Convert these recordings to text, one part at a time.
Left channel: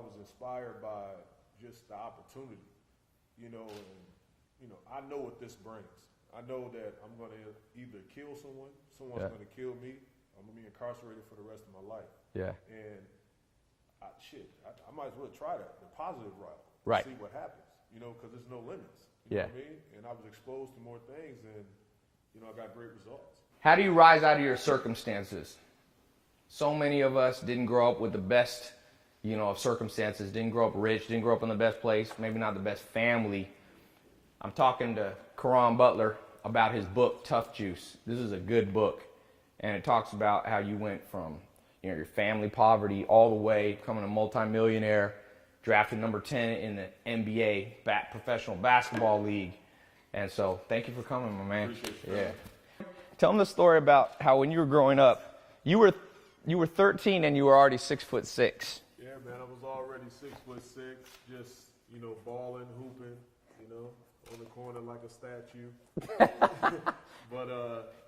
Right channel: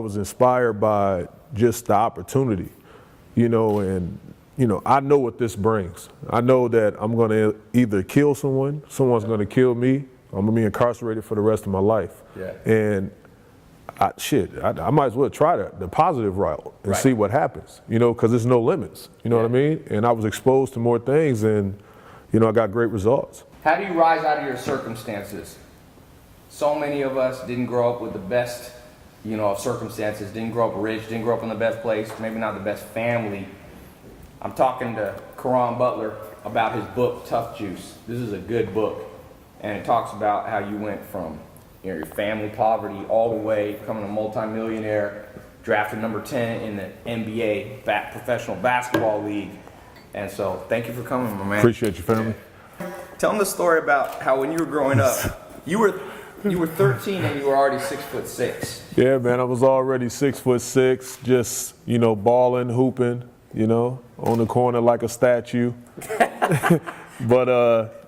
I was inspired by just the opportunity, and I know what this brings. I know that I'm going to either kill someone, someone's going to kill me, I'm going to be incarcerated for the rest of my life. Yeah. And I might as well try the positive route and see what happens, because there's no limits, what I mean? And I was exposed to more things and, I got great results. How do you rise out of your circumstances? So many of us didn't grow up with the best, of circumstances, didn't grow up rich, didn't grow up in the best place, maybe not the best family. I'm talking to Caron Butler about his book, Tuff. This is a good book, and it talks about how you went from your family poverty all the way, becoming a multimillionaire, drafted number 10 in the NBA, professional basketball league. And so, thank you for coming, my man. Appreciate you, family. Tell them the story about how when you were growing up, you were 13 and you were already 6'6". Yeah, man, I was already 6'6", just, balling, hooping, on the corner like a statue. But,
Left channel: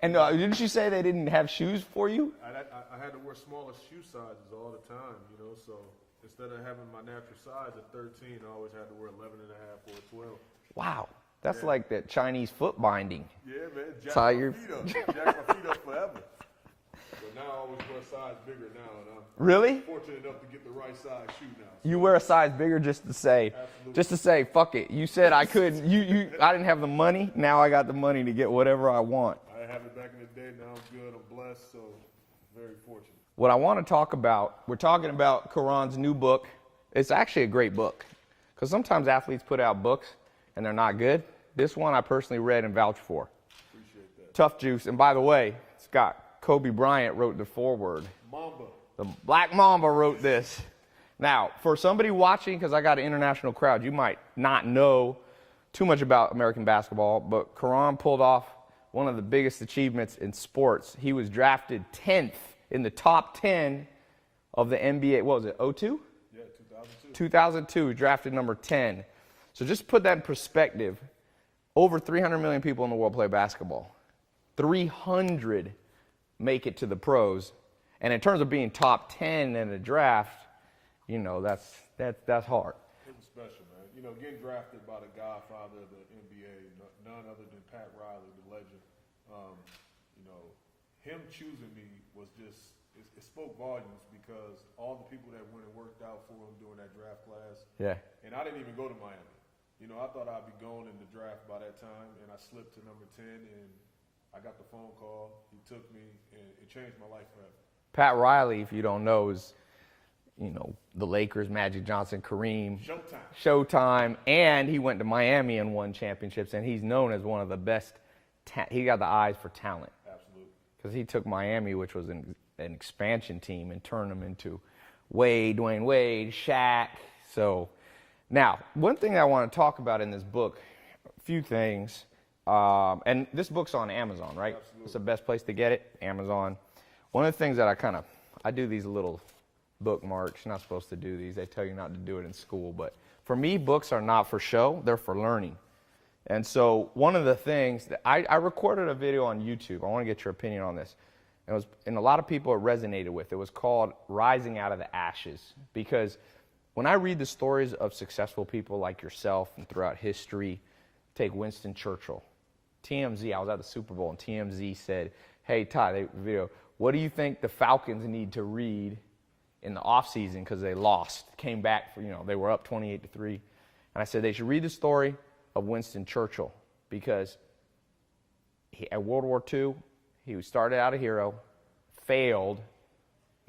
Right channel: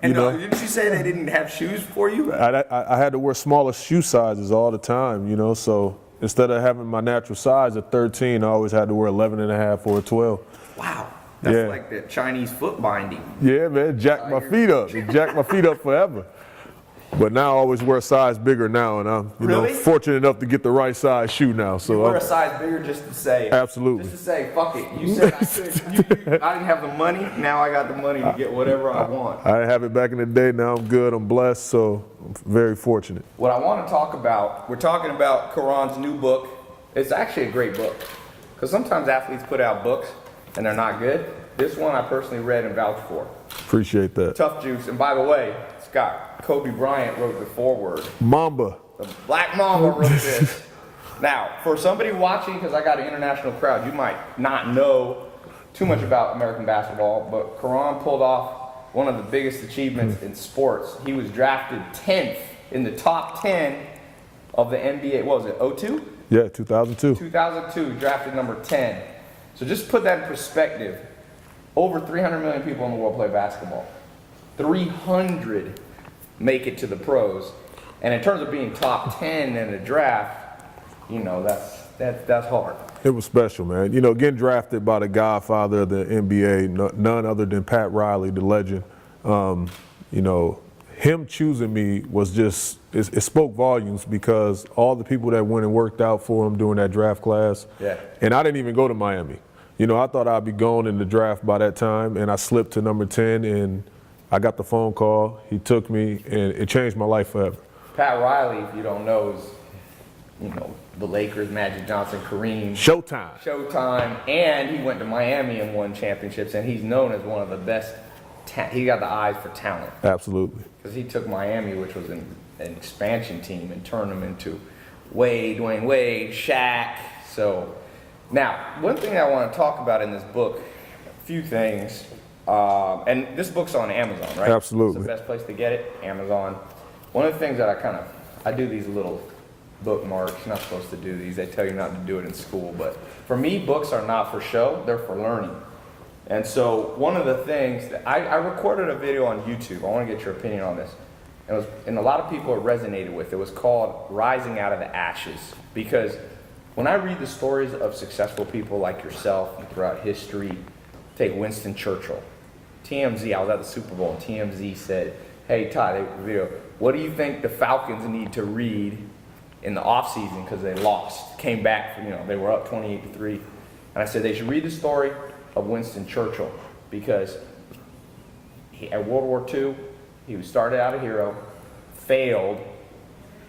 didn't you say they didn't have shoes for you? I had to wear smaller shoe sizes all the time, so instead of having my natural size at 13, I always had to wear 11 and a half or a 12. Wow. That's like the Chinese foot binding. Yeah, man, jack my feet up. It jacked my feet up forever. But now I always wear a size bigger now, and I'm fortunate enough to get the right size shoe now. So you wear a size bigger just to say. Absolutely. Just to say, fuck it. You said I could. I didn't have the money. Now I got the money to get whatever I want. I didn't have it back in the day. Now I'm good. I'm blessed. So I'm very fortunate. What I want to talk about, we're talking about Caron's new book. It's actually a great book, because sometimes athletes put out books and they're not good. This one I personally read and vouched for. Appreciate that. Tuff. And by the way, Scott, Kobe Bryant wrote the foreword. Mamba. The Black Mamba wrote this. Now, for somebody watching, because I got an international crowd, you might not know too much about American basketball, but Caron pulled off one of the biggest achievements in sports. He was drafted 10th in the top 10 of the NBA. What was it, 02? Yeah, 2002. 2002, drafted number 10. So just put that in perspective. Over 300 million people in the world play basketball. 300 make it to the pros. And in terms of being top 10 in a draft, that's hard. It was special, man. Getting drafted by the godfather of the NBA, none other than Pat Riley, the legend. Him choosing me was just, it spoke volumes, because all the people that went and worked out for him during that draft class. Yeah. And I didn't even go to Miami. I thought I'd be gone in the draft by that time, and I slipped to number 10, and I got the phone call. He took me, and it changed my life forever. Pat Riley, if you don't know, is, the Lakers, Magic Johnson, Kareem. Showtime. And he went to Miami and won championships, and he's known as one of the best. He got the eyes for talent. Absolutely. Because he took Miami, which was an expansion team, and turned them into Dwayne Wade, Shaq. So now, one thing I want to talk about in this book, a few things. And this book's on Amazon, right? Absolutely. It's the best place to get it, Amazon. One of the things that I do these little bookmarks. You're not supposed to do these. They tell you not to do it in school. But for me, books are not for show. They're for learning. And so one of the things that I recorded a video on YouTube. I want to get your opinion on this. And a lot of people it resonated with. It was called Rising Out of the Ashes. Because when I read the stories of successful people like yourself throughout history, take Winston Churchill. TMZ, I was at the Super Bowl, and TMZ said, hey, Todd, video, what do you think the Falcons need to read in the offseason, because they lost, came back, they were up 28-3. And I said they should read the story of Winston Churchill, because at World War II, he started out a hero, failed,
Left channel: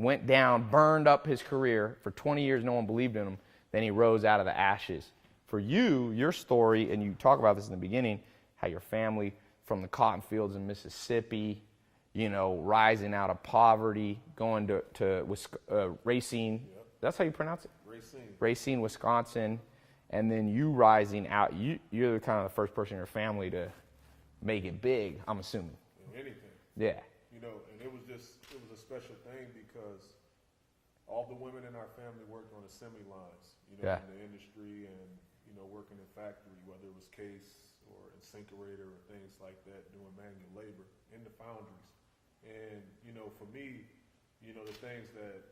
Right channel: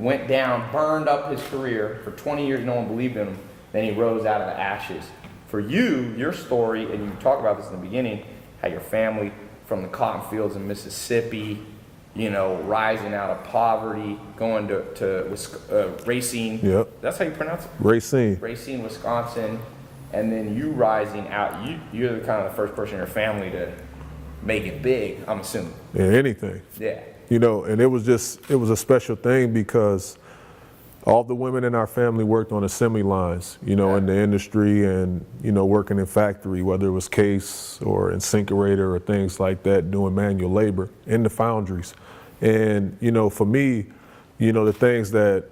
went down, burned up his career. For 20 years, no one believed in him. Then he rose out of the ashes. For you, your story, and you talk about this in the beginning, how your family from the cotton fields in Mississippi, rising out of poverty, going to Racine. Yep. That's how you pronounce it? Racine, Wisconsin. And then you rising out, you're the kind of the first person in your family to make it big, I'm assuming. Yeah, anything. Yeah. And it was a special thing, because all the women in our family worked on assembly lines, in the industry, and, working in factory, whether it was case or incinerator or things like that, doing manual labor in the foundries. And, for me, the things that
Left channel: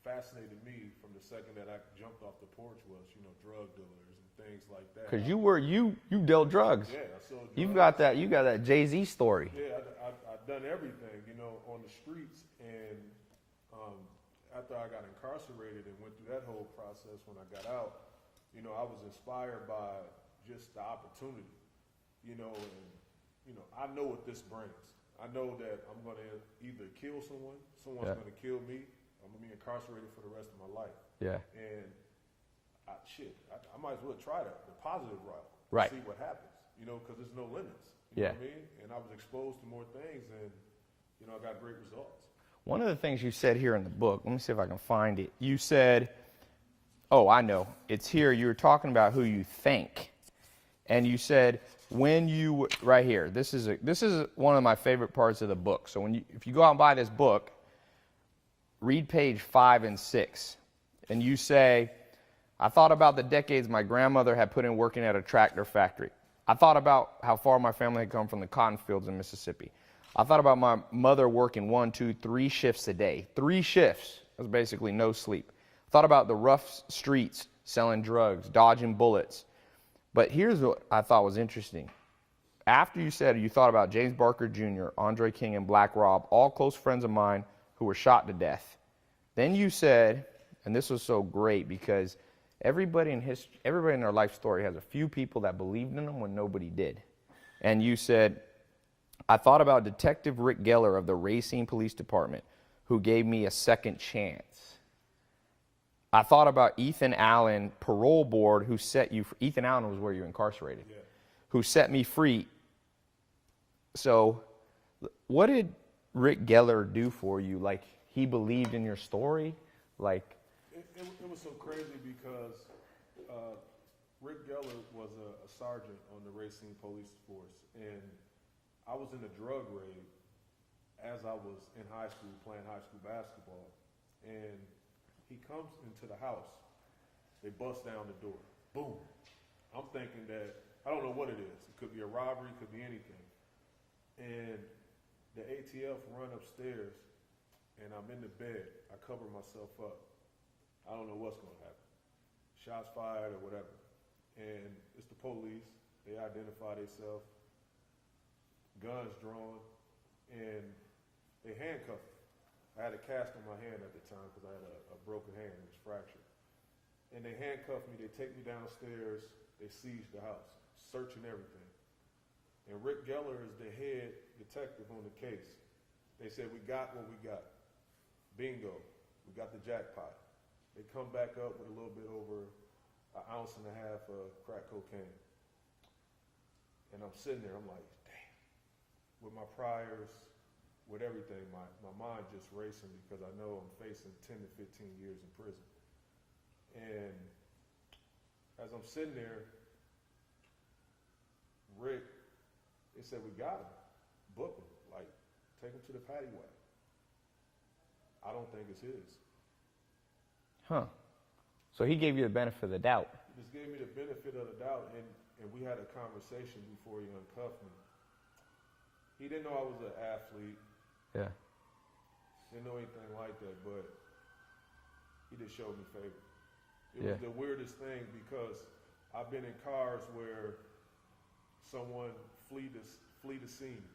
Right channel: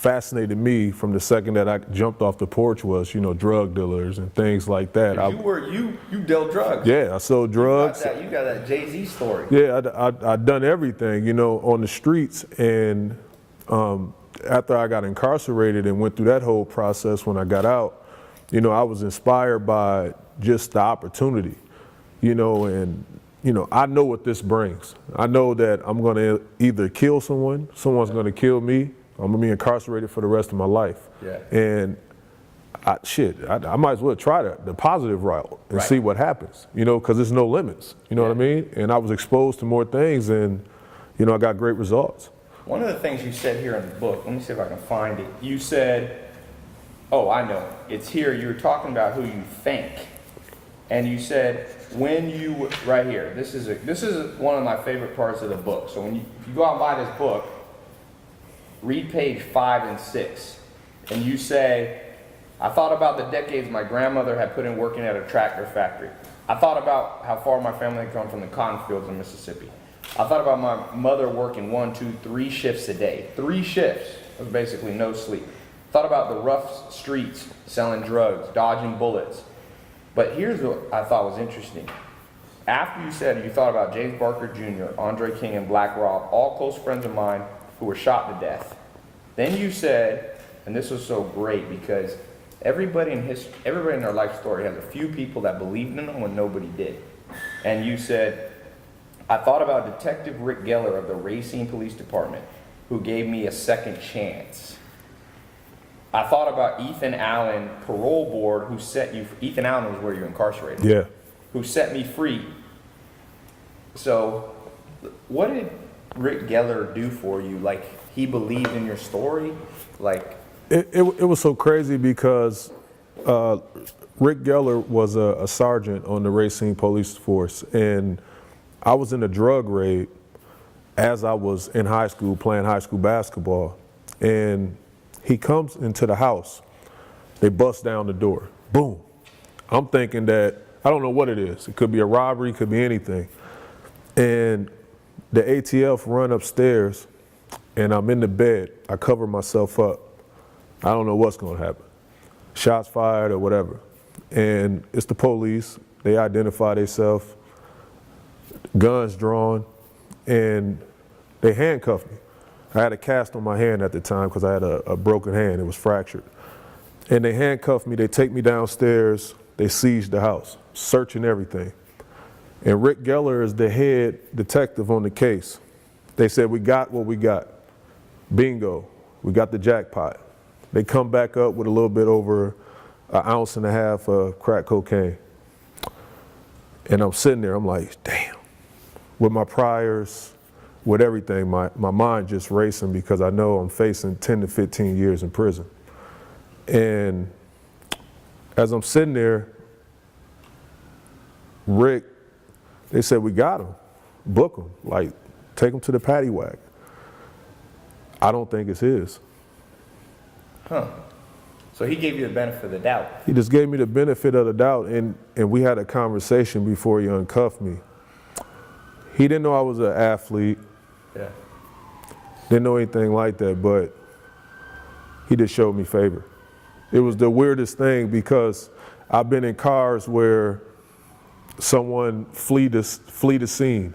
fascinated me from the second that I jumped off the porch was, you know, drug dealers and things like that. 'Cause you dealt drugs. Yeah, I sold drugs. You got that Jay-Z story. Yeah, I'd done everything, you know, on the streets. And after I got incarcerated and went through that whole process when I got out, you know, I was inspired by just the opportunity, you know, and, you know, I know what this brings. I know that I'm going to either kill someone, someone's going to kill me, I'm going to be incarcerated for the rest of my life. Yeah. And I might as well try the positive route and Right. see what happens, you know, because there's no limits, you know what I mean? And I was exposed to more things and, you know, I got great results. One of the things you said here in the book, let me see if I can find it. You said, oh, I know, it's here. You were talking about who you think. And you said, right here, this is one of my favorite parts of the book. So if you go out and buy this book, read page 5 and 6. And you say, I thought about the decades my grandmother had put in working at a tractor factory. I thought about how far my family had come from the cotton fields in Mississippi. I thought about my mother working 1, 2, 3 shifts a day. 3 shifts was basically no sleep. Thought about the rough streets, selling drugs, dodging bullets. But here's what I thought was interesting. After you said you thought about James Barker Jr., Andre King, and Black Rob, all close friends of mine who were shot to death. Then you said, and this was so great because everybody in their life story has a few people that believed in them when nobody did. And you said, I thought about Detective Rick Geller of the Racine Police Department, who gave me a second chance. I thought about Ethan Allen, parole board, who set you, Ethan Allen was where you're incarcerated. Yeah. Who set me free. So, what did Rick Geller do for you? Like, he believed in your story? Like, It was so crazy because Rick Geller was a sergeant on the Racine Police Force, and I was in a drug raid as I was in high school playing high school basketball, and he comes into the house. They bust down the door. Boom. I'm thinking that, I don't know what it is. It could be a robbery, it could be anything. And the ATF run upstairs, and I'm in the bed. I cover myself up. I don't know what's going to happen. Shots fired or whatever. And it's the police. They identify themselves, guns drawn, and they handcuffed me. I had a cast on my hand at the time because I had a broken hand. It was fractured. And they handcuffed me. They take me downstairs. They seize the house, searching everything. And Rick Geller is the head detective on the case. They said, we got what we got. Bingo, we got the jackpot. They come back up with a little bit over 1.5 ounces of crack cocaine. And I'm sitting there, I'm like, damn. With my priors, with everything, my mind just racing because I know I'm facing 10 to 15 years in prison. And as I'm sitting there, Rick, they said, we got him, book him, like take him to the paddy wagon. I don't think it's his. huh. So he gave you the benefit of the doubt. He just gave me the benefit of the doubt, and we had a conversation before he uncuffed me. He didn't know I was an athlete, Yeah. didn't know anything like that, but he just showed me favor. It was the weirdest thing because I've been in cars where someone flee the scene,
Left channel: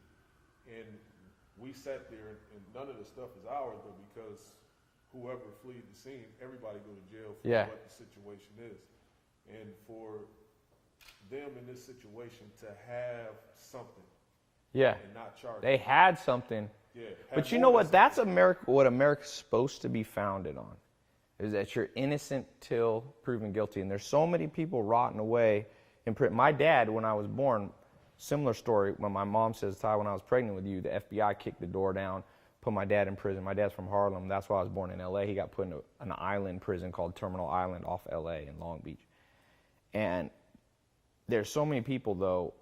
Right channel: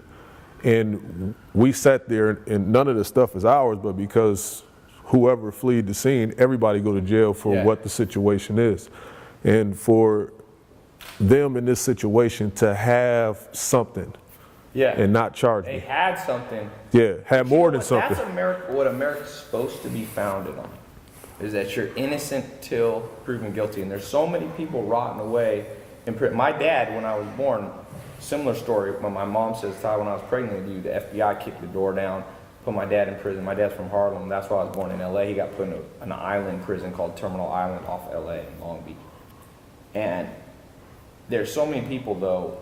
and we sat there, and none of the stuff is ours, but because whoever fled the scene, everybody go to jail for what the situation is. And for them in this situation to have something and not charge They me. had something. Yeah, had But you more know than what? something. That's what America's supposed to be founded on, is that you're innocent till proven guilty. And there's so many people rotting away in prison. My dad, when I was born, similar story, when my mom says, Ty, when I was pregnant with you, the FBI kicked the door down, put my dad in prison. My dad's from Harlem. That's why I was born in LA. He got put in an island prison called Terminal Island off LA in Long Beach. And there's so many people, though,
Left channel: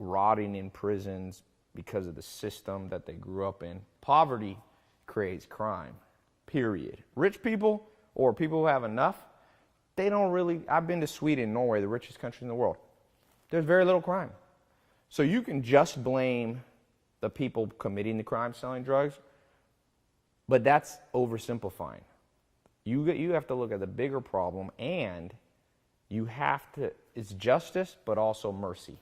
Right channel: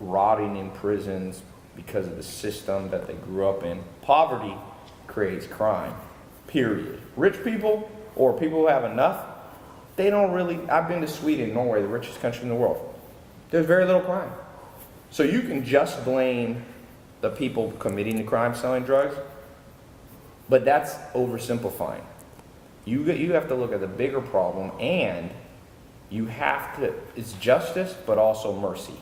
rotting in prisons because of the system that they grew up in. Poverty creates crime, period. Rich people or people who have enough, they don't really, I've been to Sweden, Norway, the richest country in the world. There's very little crime. So you can just blame the people committing the crime, selling drugs, but that's oversimplifying. You have to look at the bigger problem, and you have to, it's justice, but also mercy.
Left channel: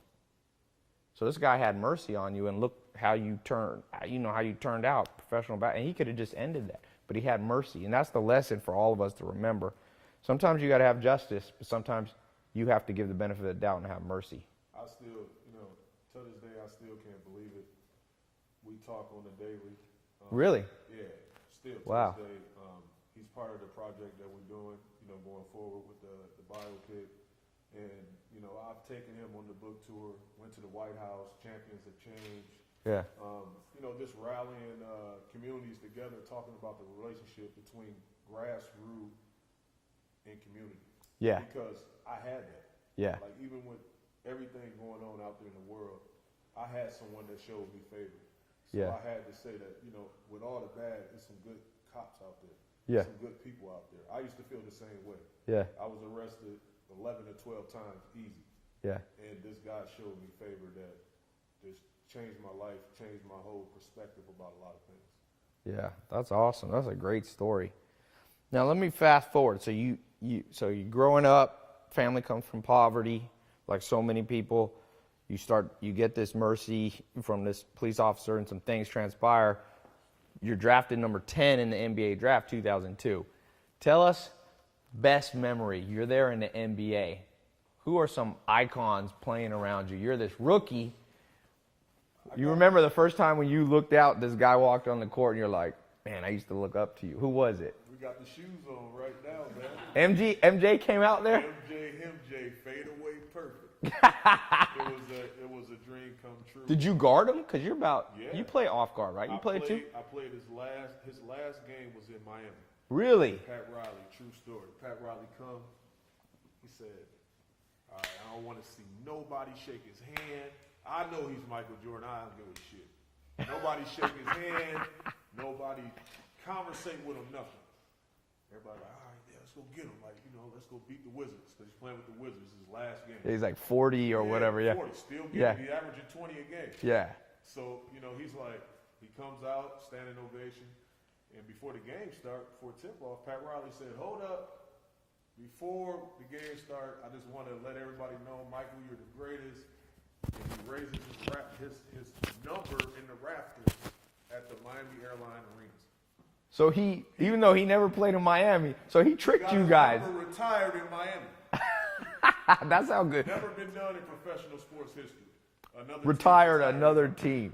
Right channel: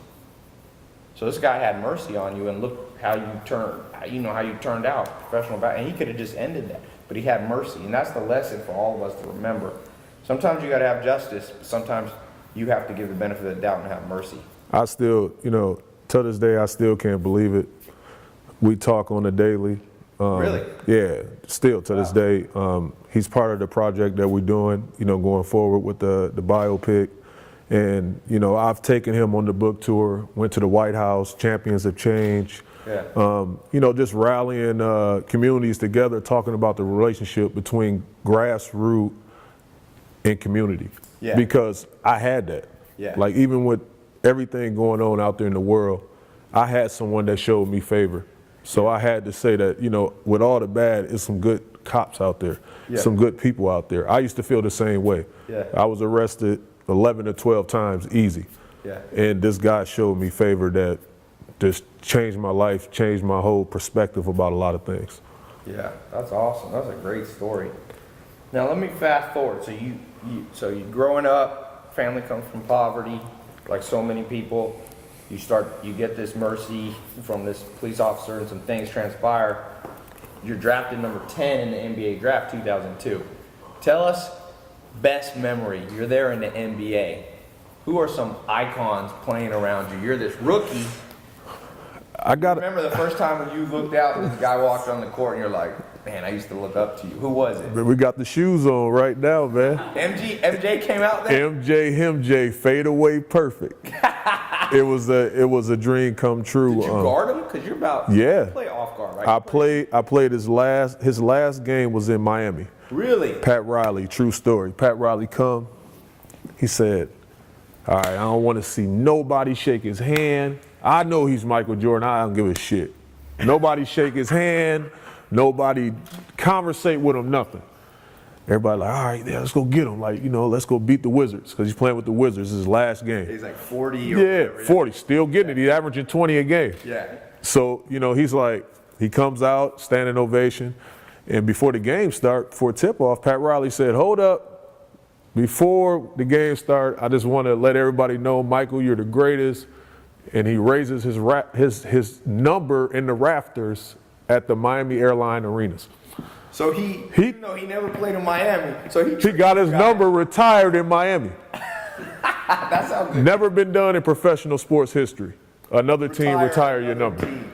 So this guy had mercy on you, and look how you turned, how you turned out professional, and he could have just ended that, but he had mercy, and that's the lesson for all of us to remember. Sometimes you got to have justice, but sometimes you have to give the benefit of the doubt and have mercy. I still, to this day, I still can't believe it. We talk on a daily. Really? Yeah, still to this day. He's part of the project that we're doing, going forward with the biopic. And, I've taken him on the book tour, went to the White House, Champions of Change. Yeah. Just rallying communities together, talking about the relationship between grassroots and community. Yeah. Because I had that. Yeah. Like, even with everything going on out there in the world, I had someone that showed me favor. So I had to say that, with all the bad, it's some good cops out there, some good people out there. I used to feel the same way. Yeah. I was arrested 11 to 12 times easy. Yeah. And this guy showed me favor that just changed my life, changed my whole perspective about a lot of things. Yeah, that's awesome. That's a great story. Now let me fast forward. So you growing up, family comes from poverty, like so many people. You get this mercy from this police officer, and some things transpire. You're drafted number 10 in the NBA draft 2002. Tell us best memory. You're there in the NBA. Who are some icons playing around you? You're this rookie. You remember the first time when you looked out and this guy walked on the court and you're like, man, I used to look up to you. Who was it? We got the shoes on right now, man. MJ came out there? MJ, fade away perfect. It was a dream come true. Did you guard him? Because you play off guard, right? I played his last game was in Miami. Really? Pat Riley, true story. Pat Riley come, he said, all right, I don't want to see nobody shake his hand. I know he's Michael Jordan, I don't give a shit. Nobody shake his hand, nobody conversate with him, nothing. Everybody like, all right, yeah, let's go get him. Like, let's go beat the Wizards, because he's playing with the Wizards, his last game. He's like 40 or whatever. Yeah, 40, still getting it. He's averaging 20 a game. Yeah. So, he's like, he comes out, standing ovation. And before the game start, before tip-off, Pat Riley said, hold up. Before the game start, I just want to let everybody know, Michael, you're the greatest. And he raises his number in the rafters at the Miami Airline Arenas. So he even though he never played in Miami, so he got his number retired in Miami. That sounds good. Never been done in professional sports history. Another team retire your number. Team.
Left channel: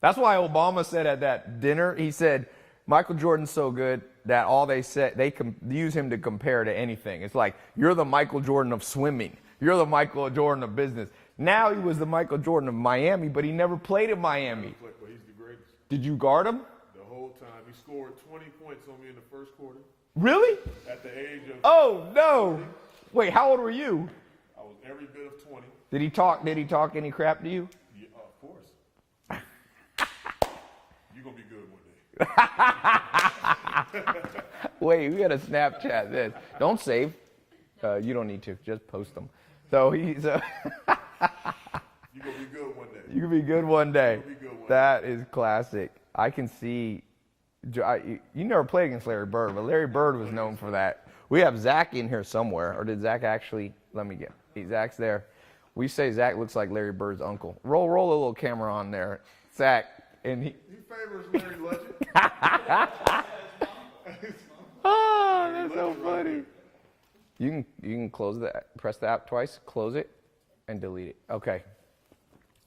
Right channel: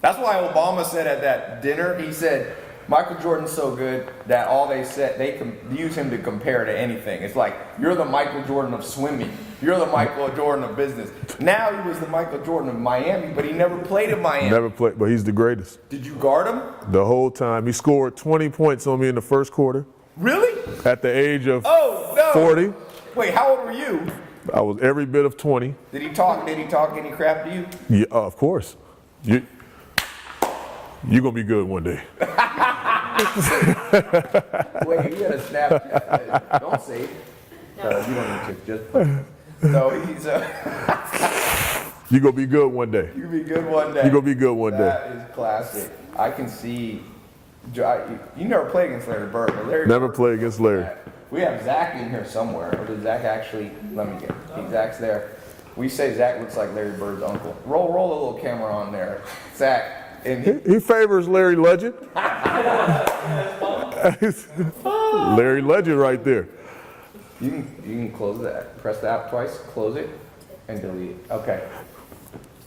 That's why Obama said at that dinner, he said, Michael Jordan's so good that all they said, they can use him to compare to anything. It's like, you're the Michael Jordan of swimming. You're the Michael Jordan of business. Now he was the Michael Jordan of Miami, but he never played in Miami. Never played, but he's the greatest. Did you guard him? The whole time. He scored 20 points on me in the first quarter. Really? At the age of 40. Wait, how old were you? I was every bit of 20. Did he talk any crap to you? Yeah, of course. You're going to be good one day. Wait, you got a Snapchat this. Don't save. You don't need to. Just no, he's you're going to be good one day. You're going to be good one day. You're going to be good one day. That is classic. I can see. You never played against Larry Bird, but Larry never Bird played against Larry. That. We have Zach in here somewhere. Or did Zach actually? Let me get. Zach's there. We say Zach looks like Larry Bird's uncle. Roll a little camera on there, Zach. And he favors Larry Legend. Larry Legend right there. You can close that. Press the app twice, close it, and delete it. Okay.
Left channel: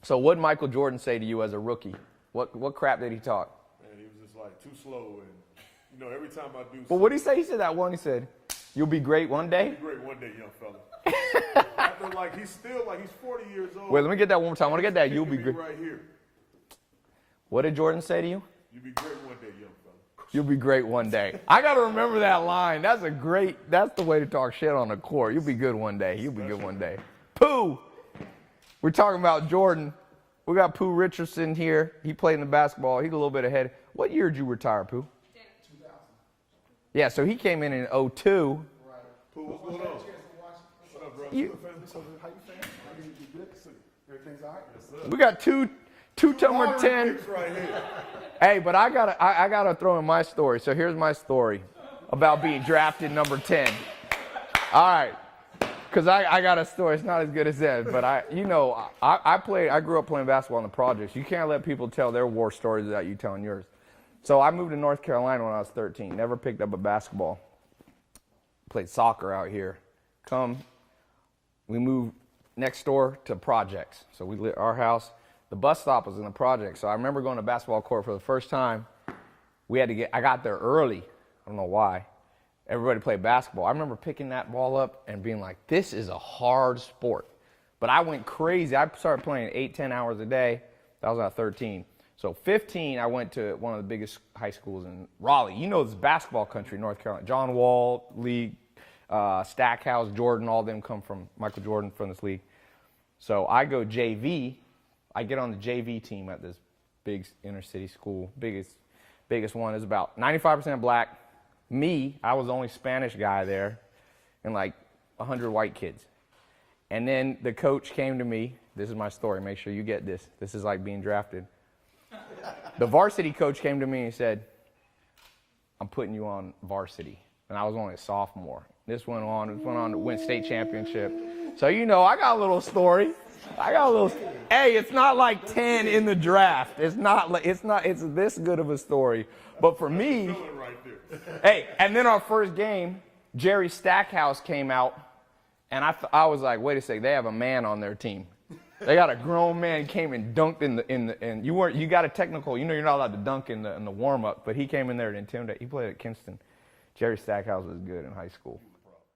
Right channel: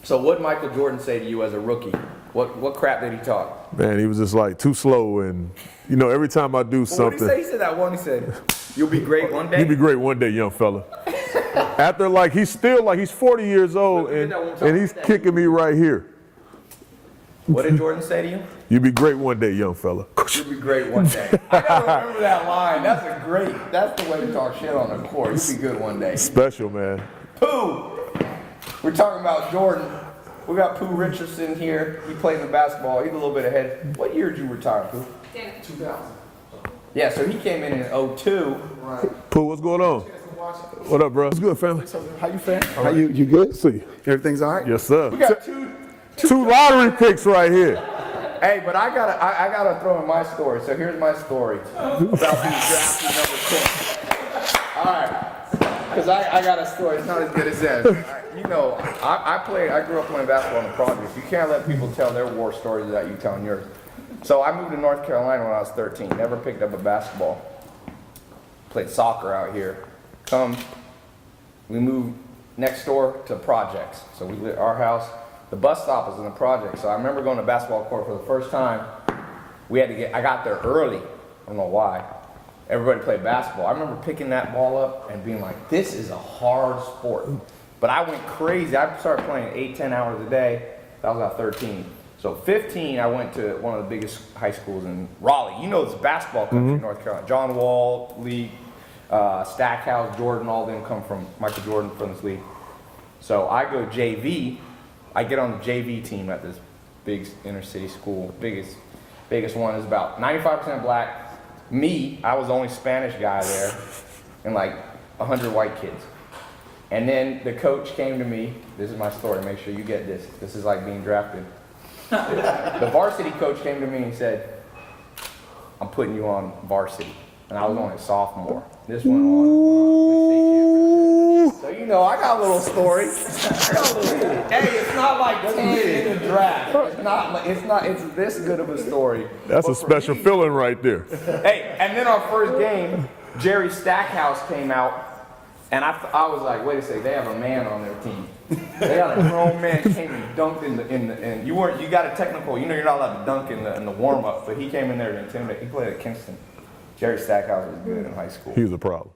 So what did Michael Jordan say to you as a rookie? What crap did he talk? Man, he was just like too slow, and every time I do something. What did he say? He said that one. He said, "You'll be great one day." You'll be great one day, young fella. After he's 40 years old. Wait, let me get that one time. And he's kicking me right here. What did Jordan say to you? You'll be great one day, young fella. You'll be great one day. I gotta remember that line. That's the way to talk shit on the court. You'll be good one day. Special, man. Pooh! We're talking about Jordan. We got Pooh Richardson here. He plays the basketball. He's a little bit ahead. What year did you retire, Pooh? 2000. Yeah, so he came in 02. Right. Pooh, what's going on? What up, bro? It's good, family. How you fam? How you good? See. Everything's all right? Yes, sir. We got two lottery picks right here. Hey, but I gotta throw in my story. So here's my story about being drafted number 10. All right, because I got a story. It's not as good as this, but I grew up playing basketball in the projects. You can't let people tell their war stories without you telling yours. So I moved to North Carolina when I was 13. Never picked up a basketball. Played soccer out here. We moved next door to projects. So our house, the bus stop was in the project. So I remember going to basketball court for the first time. I got there early. I don't know why. Everybody played basketball. I remember picking that ball up and being like, this is a hard sport. But I went crazy. I started playing 8-10 hours a day. That was at 13. So 15, I went to one of the biggest high schools in Raleigh. You know, it's basketball country, North Carolina. John Wall, League, Stackhouse, Jordan, all of them come from Michael Jordan from this league. So I go JV. I get on the JV team at this big inner city school. Biggest one is about 95% black. Me, I was the only Spanish guy there, and like 100 white kids. And then the coach came to me. This is my story. Make sure you get this. This is like being drafted. The varsity coach came to me and said, I'm putting you on varsity. And I was only a sophomore. This went on to win state championship. So I got a little story. Hey, it's not like 10 in the draft. It's this good of a story. That's a special feeling right there. Hey, and then our first game, Jerry Stackhouse came out, and I was like, wait a second, they have a man on their team. They got a grown man came and dunked in you got a technical, you're not allowed to dunk in the warm up, but he came in there to intimidate. He played at Kingston. Jerry Stackhouse was good in high school. He was a problem.